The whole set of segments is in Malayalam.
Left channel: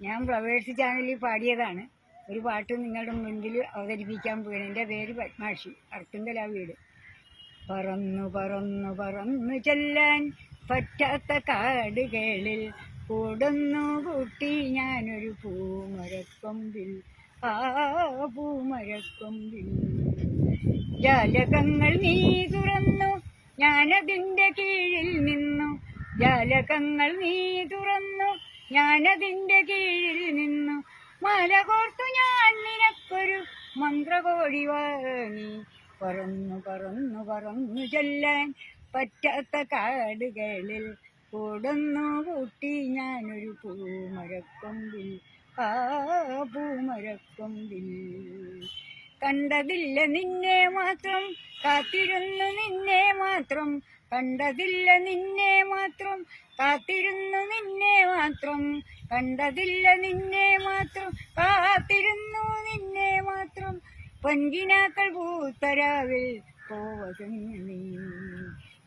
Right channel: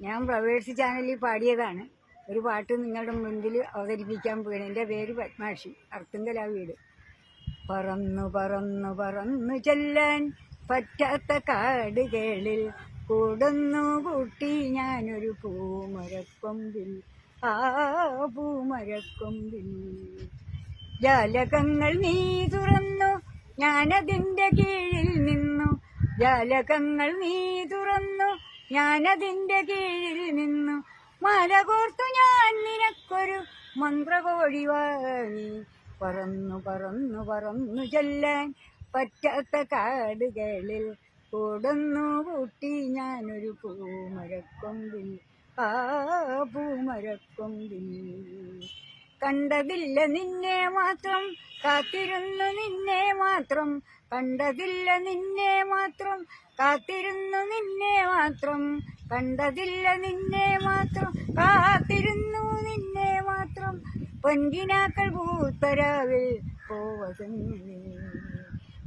ഞാൻ ഫ്ലവേഴ്സ് ചാനലിൽ പാടിയതാണ്. ഒരു പാട്ട് നിങ്ങളുടെ മുൻപിൽ അവതരിപ്പിക്കാൻ പോവുകയാണ്. എൻ്റെ പേര് പത്മാക്ഷി, അർത്തുങ്കല വീട്. പറന്നു പറന്നു പറന്നു ചെല്ലാൻ പറ്റാത്ത കാടുകളിൽ കൂടുന്നു കൂട്ടി ഞാനൊരു പൂമരക്കൊമ്പിൽ. ആ പൂമരക്കൊമ്പിൽ ജാലകങ്ങൾ നീ തുറന്നു, ഞാനതിൻ്റെ കീഴിൽ നിന്നു. ജാലകങ്ങൾ നീ തുറന്നു, ഞാനതിൻ്റെ കീഴിൽ നിന്നു. മല കോർത്തു ഞാൻ നിനക്കൊരു മന്ത്രകോഴി വാങ്ങി. പറന്നു പറന്നു പറന്നു ചെല്ലാൻ പറ്റാത്ത കാടുകളിൽ കൂടുന്നു കൂട്ടി ഞാനൊരു പൂമരക്കൊമ്പിൽ. ആ പൂമരക്കൊമ്പിൽ കണ്ടതില്ല നിന്നെ മാത്രം, കാത്തിരുന്നു നിന്നെ മാത്രം. കണ്ടതില്ല നിന്നെ മാത്രം, കാത്തിരുന്നു നിന്നെ മാത്രം. കണ്ടതില്ല നിന്നെ മാത്രം, കാത്തിരുന്നു നിന്നെ മാത്രം. പൊൻകിനാക്കൾ പൂത്തരാവിൽ പോവതെന്നു നീ.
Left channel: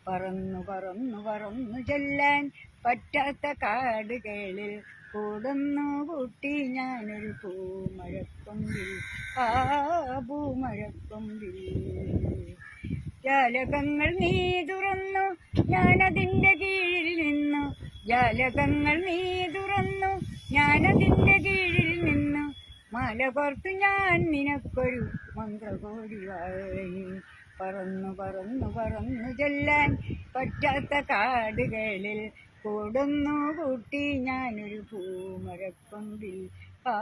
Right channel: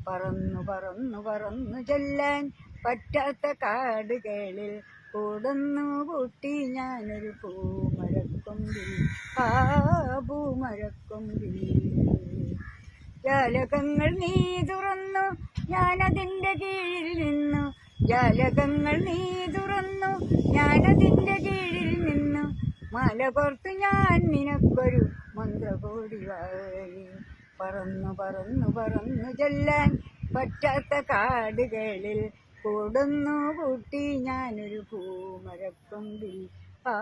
പറന്നു പറന്നു പറന്നു ചെല്ലാൻ പറ്റാത്ത കാടുകളിൽ കൂടുന്നു കൂട്ടി ഞാനൊരു പൂമരക്കൊമ്പിൽ. ആ പൂമരക്കൊമ്പിൽ ജാലകങ്ങൾ നീ തുറന്നു, ഞാനതിൻ്റെ കീഴിൽ നിന്നു. ജാലകങ്ങൾ നീ തുറന്നു, ഞാനതിൻ്റെ കീഴിൽ നിന്നു. മല കോർത്തു ഞാൻ നിനക്കൊരു മന്ത്രകോടി വാങ്ങി. പറന്നു പറന്നു പറന്നു ചെല്ലാൻ പറ്റാത്ത കാടുകളിൽ കൂടുന്നു കൂട്ടി ഞാനൊരു പൂമരക്കൊമ്പിൽ. ആ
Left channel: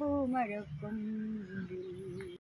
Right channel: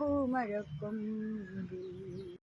പൂമരക്കൊമ്പിൽ.